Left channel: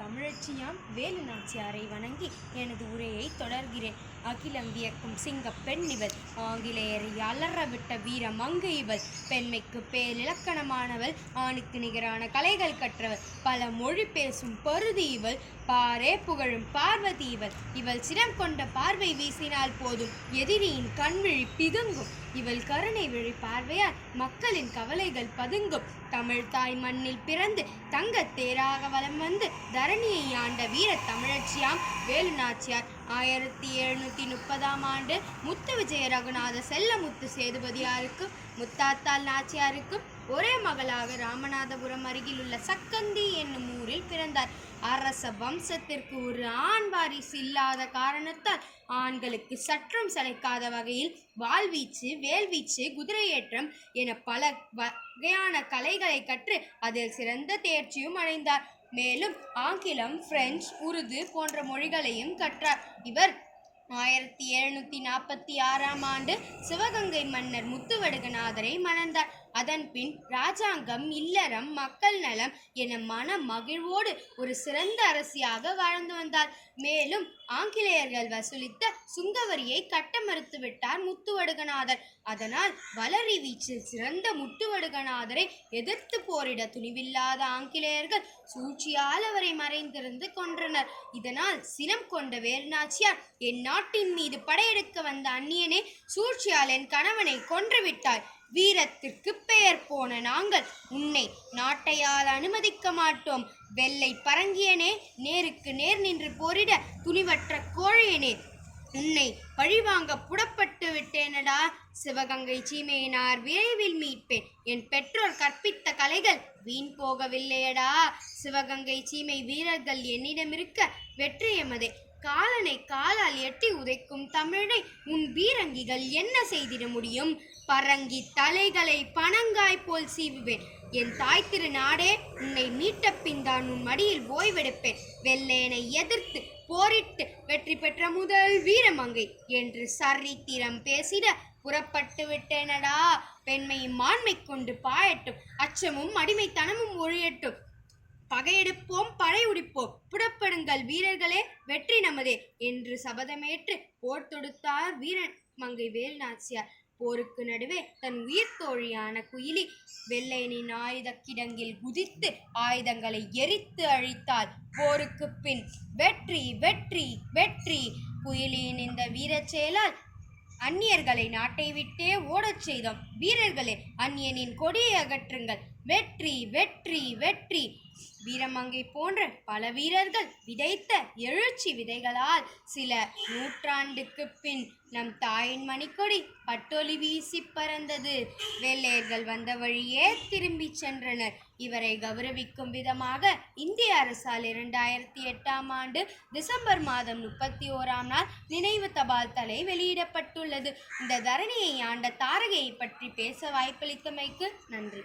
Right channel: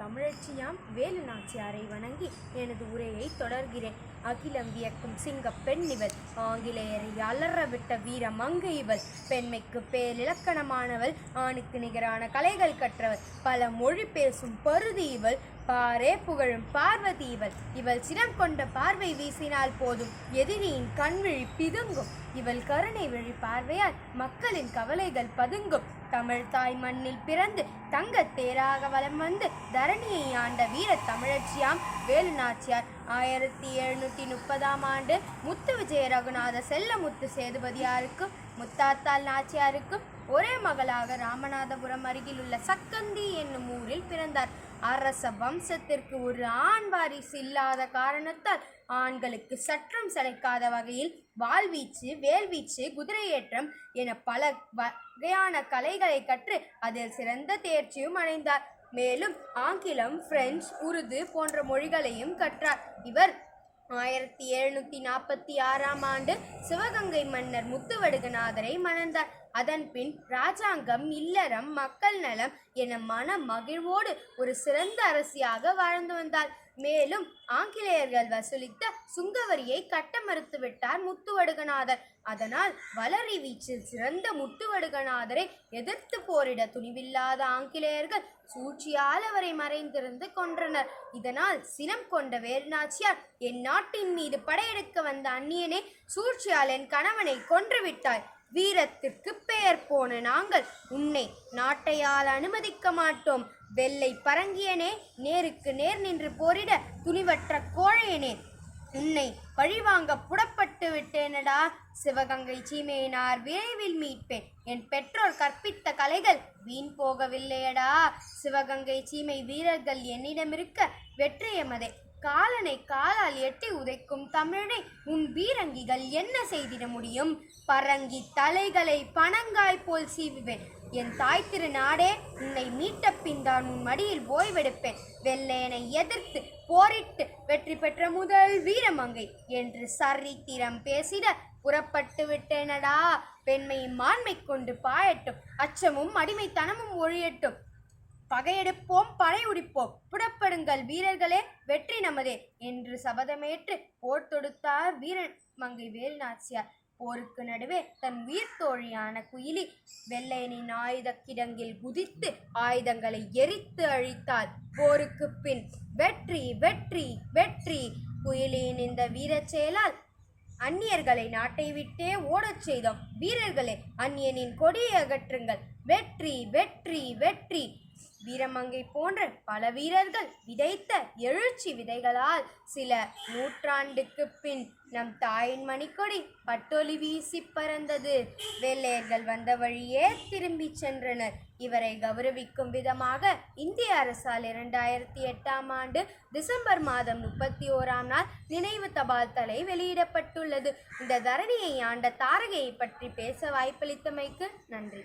தமிழச்சியாம் வேலு நாச்சியாரை வணங்கி எனது உரையை தொடர்கிறேன். அகிலம் வியக்கும் சிங்கப் பெண் இவள், ஆங்கிலேயரை அலறவிட்ட வீர மங்கை இவள், பெண்மைக்கு பேரிலக்கணமானவள், ஆணுக்கு நிகரான கலைகள் கற்றவள், பல மொழி பேசும் பருதி இவள், பாரே புகழும் பார்வதி இவள். இவள் சினம் கொண்ட பார்வை வீசினால் போதும் எதிரியின் கண்விழி பிதுங்கும். இவள் கருணை விழி பார்வையால் மக்களின் கவலைகள் பதுங்கும். தமிழ் தாய் மண்ணில் பிறந்து தங்கத் தேராக வலம் வந்து தரணியை ஆண்ட வீர தமிழச்சியாம் வேலு நாச்சியார். 1730 முத்து விஜய ரகுநாத செல்லமுத்து சேதுபதியாருக்கும் முத்தாத்தாள் நாச்சியாருக்கும் ஒரே மகளாக ராமநாதபுரம் அருகில் உள்ள சக்கந்தி என்னும் ஊரில் பிறந்தார். அரச வம்சத்திற்கு ஒரு ஆண் வாரிசு இல்லாத காரணத்தால் ஆண்களுக்கு சற்றும் சளைக்காத வகையில் வாள்வீச்சு, வேல்வீச்சு, குதிரையேற்றம் என பல வகையான கலைகளை கற்று அதில் சிறந்த தேர்ச்சியும் அடைந்தார். மேலும் ஆங்கிலம், பிரெஞ்சு, உருது போன்ற மொழிகளையும் கற்றார். இவர் 1746 சிவகங்கை மன்னர் முத்துவடுகநாதரை மணந்தார். அதன் பின் இராஜாங்கம், இல்லறம், மக்கள் நலம் என மன மகிழ்வோடு ஒரு சிறந்த அரசியாக வாழ்ந்து வந்தார். மேலும் ஆங்கிலேயர்கள் வசூலித்த சுங்கவரியை கட்ட மறுத்துவிட்டார் முத்துவடுகநாதர். அதனால் வளரி வீச்சில் சிறந்த முத்துவடுகநாதரை எதிர்த்து போரிட துணிவில்லாத ஆங்கிலேயர்கள் சூழ்ச்சியால் அவரை மறைந்திருந்து கொன்றனர். இதனால் சினம் கொண்ட வேலுநாச்சியார், என் நாட்டின் மீது படையெடுக்க வந்த அந்நியனே, சூழ்ச்சியால் என் கணவனை கொன்றுவிட்டாய். வீரத்திற்கு பெயர் போன நாங்கள் உன்னை நாட்டையால் அனுமதிக்க மாட்டோம். வெள்ளை பரங்கியனே, நேருக்கு நேர் நின்று போரிட துணிவற்ற கோழையனே, உன்னை பழிவாங்க புறப்பட்டு விட்டேனடா. சிவகங்கை சீமையினார் விரைவில் மீட்பேன். என் பெற்றோர் கற்பித்த கலைகள் வீண் போகவில்லையடா. சிவகங்கை சீமை வீரர்கள் என்னிடமிருக்க வெற்றி எமதே. காலனை காலால் எட்டி உதைக்கும் தமிழனை உன் வீரங்கிகள் என்ன செய்திட முடியும்? பரங்கி தலைகளை பனங்காய் போல் சீவுவேன். என் தாய் திரு நாடே, உன்னை மீட்ட பின் தான் உன் மடியில் ஓய்வெடுப்பேன். வெள்ளையனை எதிர்த்து போரிட்டு வெற்றி பெற்ற முதல் வீரமங்கை என்று சரித்திரம் பேசிட புறப்பட்டு விட்டேனடா. பெண்மையும் மாண்மை கொண்டு பாயட்டும், அச்சமும் அடிமைத்தனமும் ஒழியட்டும். பகையெடுப்போம், படை உடிப்போம், புறப்படுங்கள் வீரர்களே, வெற்றி நமதே என்று சபதமேற்று போர் தொடுத்தார் வீரமங்கை வேலு நாச்சியார். போருக்கு நடுவே தன் உயிர் தோழியான குயிலி வெள்ளையனின் ஆயுத கிடங்கில் குதித்து ஆயுதங்களை எரித்து அழித்தாள். போருக்கு பின் வெற்றி வெற்றி வெற்றி. குயிலியின் இந்த வீரச் செயலால் அந்நியர்களை நாட்டை விட்டே ஓடச் செய்தோம். வீரர்களே, அந்நியனின் கொடியை அகற்றுங்கள். வெற்றி வெற்றி வெற்றி. வீரமங்கை போன்ற பல வீரர்கள் விதைத்த எழுச்சி விதைகளால் சில நூற்றாண்டுக்கு பின் நம் தாயின் மணிக்கொடி பட்டொலி வீசி பறந்தது. வெள்ளையர்கள் வந்த வழியே திரும்பி சென்றனர். இவரை கௌரவிக்கும் விதமாக இந்திய அரசால் 2008 டிசம்பர் 31 நினைவு தபால் தலை வெளியிடப்பட்டுள்ளது. இந்த தரணியை ஆண்ட தாரகையை பற்றி பேச வாய்ப்பளித்தமைக்கு நன்றி.